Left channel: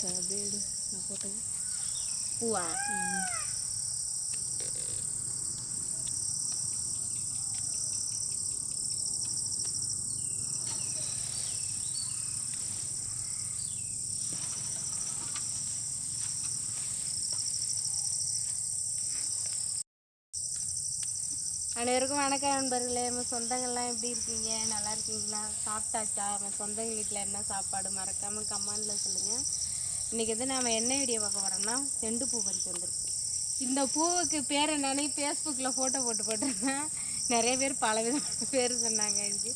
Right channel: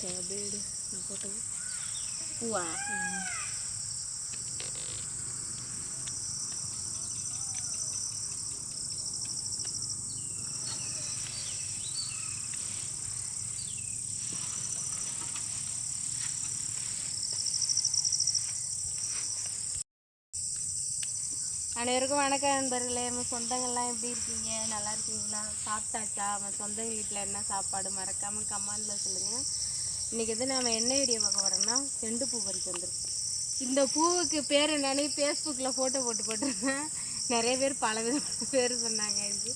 Pad நான் போட்டது பூவா. அனைவருக்கும் வணக்கம் நண்பர்களே. நம்ம சொந்தங்கள்லாம் எப்படி இருக்கீங்க? நல்லா இருக்கீங்களா? சாப்பிட்டாச்சா? நம்ம சொந்தங்கள் வீட்டில் என்ன சாப்பாடு மறக்காமல் கமெண்டில் சொல்லுங்கள். இன்றைக்கி வந்து நம்ம என்ன வீடியோ பார்க்க வரோம்னா செண்டு பூ பறிக்க வந்துருக்கு. இந்த பூவுக்கு பேர் என்னன்னு ஃபேஸ்புக்கில் ஃபோட்டோ போட்டிருந்தேன். நிறைய பேர் பல விதமான பேர் சொன்னாங்க. இதுக்கு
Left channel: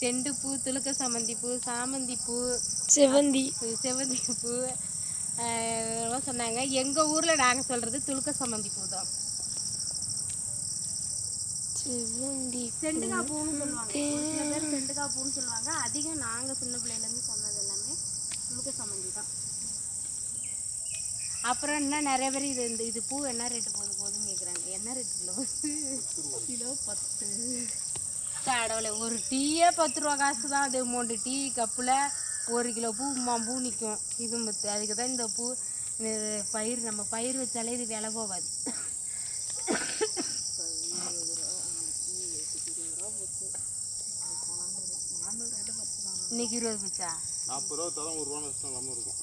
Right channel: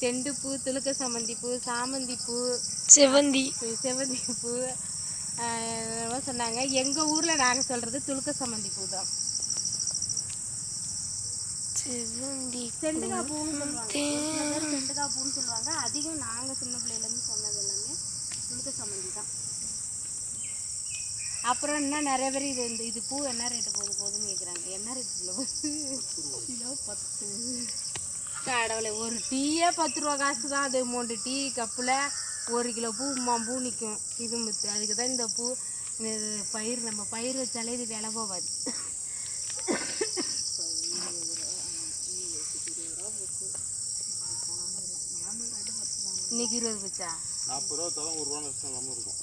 செண்டு பூ, துளுக்க சம்மந்தி பூ, சாமந்தி பூ, செவந்தி பூ சொன்னாங்க. எங்கள் ஊரில் நாங்கள் சொல்கிறது துளுக்க சம்மந்தி பூ தான். செண்டுக்காய் பூன்னு சொல்லுவாங்க. செண்டுக்காய் பூன்னு சொல்லுவாங்க. அதிகம் நாங்கள் சின்ன பிள்ளையிலேருந்து சொன்னது எல்லாமே துளுக்க சம்மந்தி தான். அப்புறம் என்ன நிறைய பேர் இது பூ என்ன ரேட்டு போகுதுன்னு கேட்குறாங்க. என்ன ரேட்டு கிலோ 10. கடவுளை, ஒரு டீயே 10 ரூபா காசு தான். அது 3 டீ கப்பில் 1 கிலோ பூ பூ நிற்கும். இது அதுக்கு தான் இந்த பூ பயிர் நம்ம பயிர் வச்சாலே இது விலை போகாது. இன்னைக்கு 20 போச்சா? 40 ரூபா தரம் 1 ரூபா நஷ்டம் இல்லாமல் இருக்கும்.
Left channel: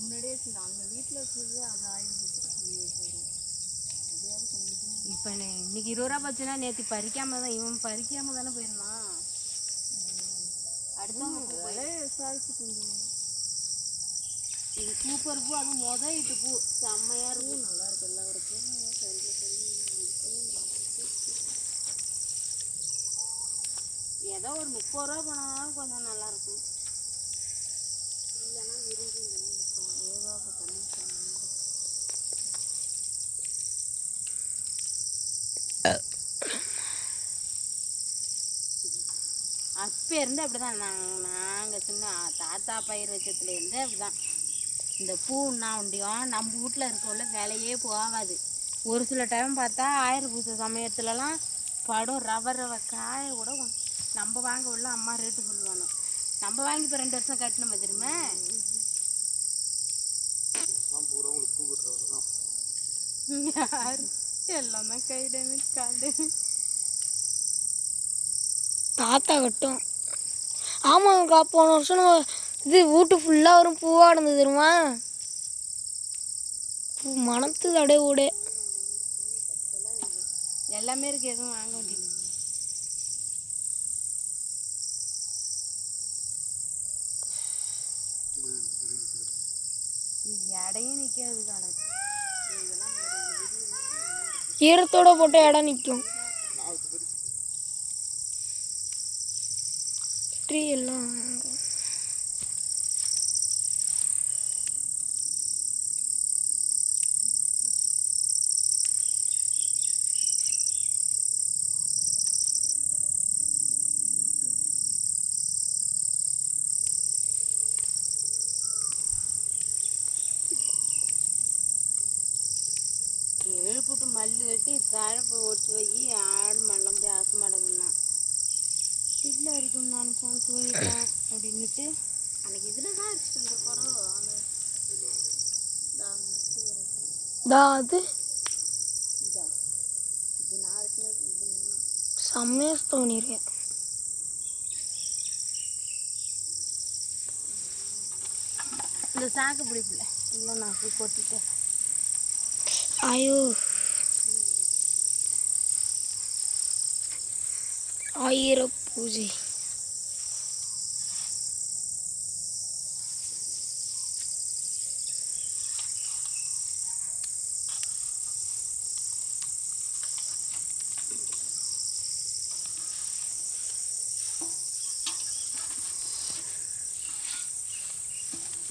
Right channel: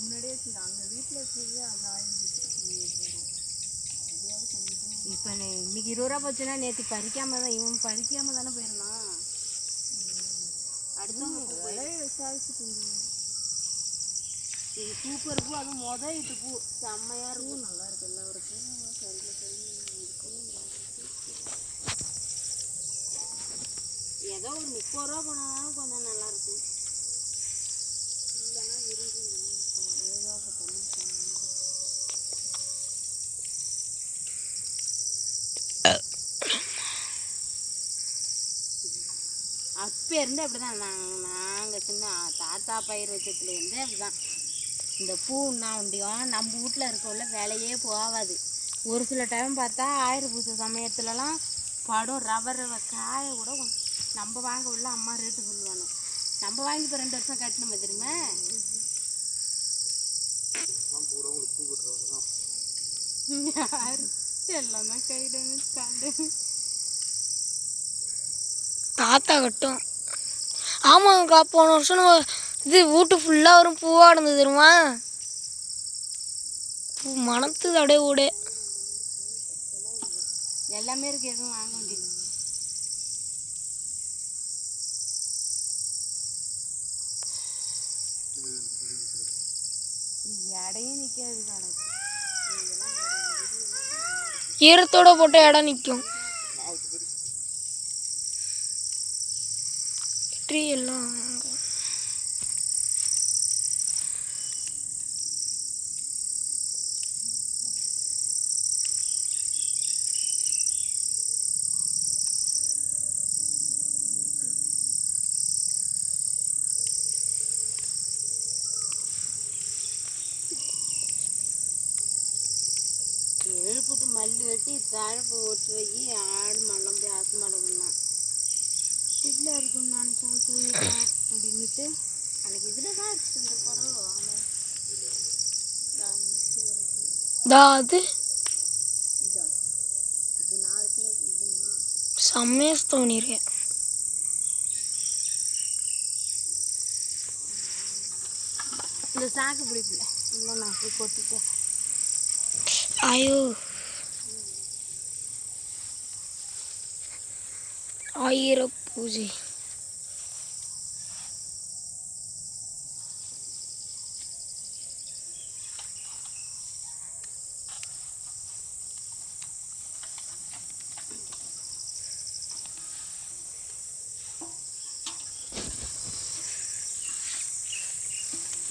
முன்னாடியே அங்கே வீட்டில் வச்சது அது இப்போ இன்னைக்கு 20 ரூபா போச்சுன்னா நேற்று பறிக்காம தான் இவன் பறிக்காம தானே போயிருந்தான். அடுத்த விசாரிச்சுட்டு இது சூப்பர் பூ. அதுவும் இட்டு பூ செம்மையாக இருக்கும். நல்லா இருக்கு. எல்லாருக்கும் ஏதோ ஒரு 30 ரூபா போனாலும் கொஞ்சம் நல்லாயிருக்கும். இல்லைன்னா விரும்பி அப்போ இருந்து அப்படி தான். நாங்கள் சின்ன தாத்தா பயிர் வச்சதுலேருந்து அப்படி தான். இந்த பூன்னா ஒண்டியும் நம்ம வீட்டில் இருக்கவுள்ள வேலையே போகாது. ஒரு சில டைம் பார்த்தா ஆயிரம் பூசை சமயத்துலலாம் படம் ரவ காய கூட நம்ம வாங்க உள்ள அம்மா ரேட்டு சொல்லுவானோ. நம்ம வாங்கி இப்போ 2 வருஷம் கட்டினோம் தெரியுமா. யாரு எல்லாமே கைடு தாத்தா கட்டும். ஆமாங்கக்கா, போன வருஷம் இது வீட்டு ஃபுல்லாக வரும் பூவாக இருந்தது தெரியுமா. பூ மணத்துது அப்படியே ஓடு. எல்லாமே இருக்கு. எதுவும் வாங்க வேண்டியது. இடையும் நிற்காது. காலத்து ஈரத்தோட போட்ட இடம் நிற்கும். ட்ரீ எல்லாம் எழுப்பிட்டு மல்லி வெட்டி தழப்பு ஒட்டி வை. ஆடு மல்லம் போய் ஆசை மாடக்குன்னா வீட்டில் இருக்குன்னு நினச்சோம். தூங்கிட்டேன் அப்படின்னுட்டு அன்னைக்கு இதில் தான் இருக்கு இந்த குரல். அது செம்மையாக தோணிருக்கேன். இந்த சாக்கு பிடிக்கல. இல்லை நான் போய் கொட்டிட்டேன். ஐயோ, ஆயிர பூஜை.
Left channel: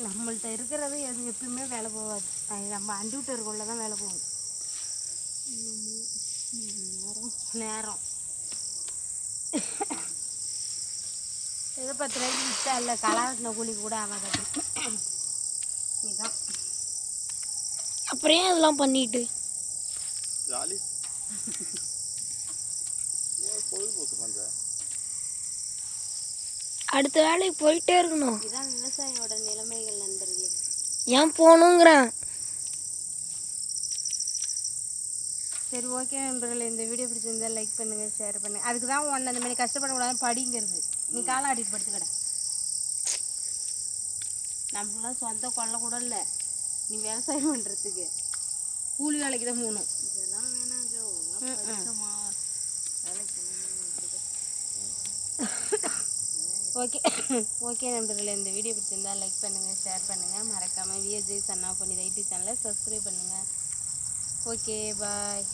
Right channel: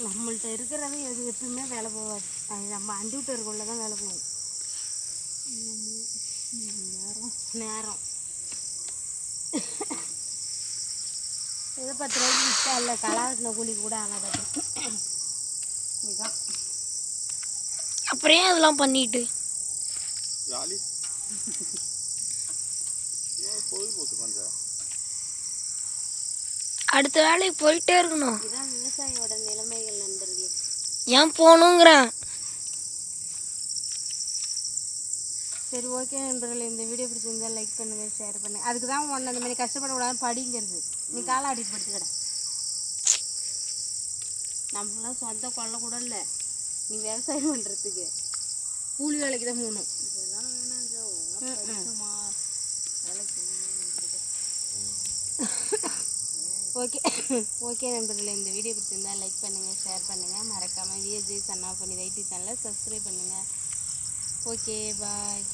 நம்மள்கிட்ட இருக்கிறது எது எப்பயுமே வேலை போகாது. அது நம்ம அண்டிவிட்டு இருக்கக்குள்ள தான் வேலை போகும். நேரம் ஏதோ 10 ரூபாய்க்கு விற்றா இல்லை கலாட்டின கூலி கூட ஆகாது. இதுதான் அப்புறம் அதெல்லாம் பண்ணிட்டு அடுத்த வேலைக்கு போயிட்டே இருக்கணும். இதுதான் விவசாயியோட நிலைமைகள் நண்பர்களே. ஏன் போகணுங்கிறேன். சரி ஓகே நண்பர்களே, இந்த வீடியோ பிடிச்சிருந்தா லைக் பண்ணுங்கள், ஷேர் பண்ணுங்கள். அதுக்கு தான் ஒன்று அந்த மாதிரி கஷ்டப்படக்கூடாது படிங்கிறது. நீ காலை ஆடிட்டு படுத்துக்கடா. நம்மளாம் சொந்த கொள்ள கூட இல்லை, நீ விவசாயம் பண்ணுறதுக்கு கூலி வேலைக்கு தான் போகணும். இதெல்லாம் வேணாம். ஓகே ஓகே நண்பர்களே, இந்த வீடியோ பிடிச்சிருந்தா லைக் பண்ணுங்கள், ஷேர் பண்ணுங்கள், மறக்காமல் விஎஸ்ஜி சன்னா பண்ணி யூடியூப் சேனலை சப்ஸ்கிரைப் பண்ணுங்கள். Okay bye.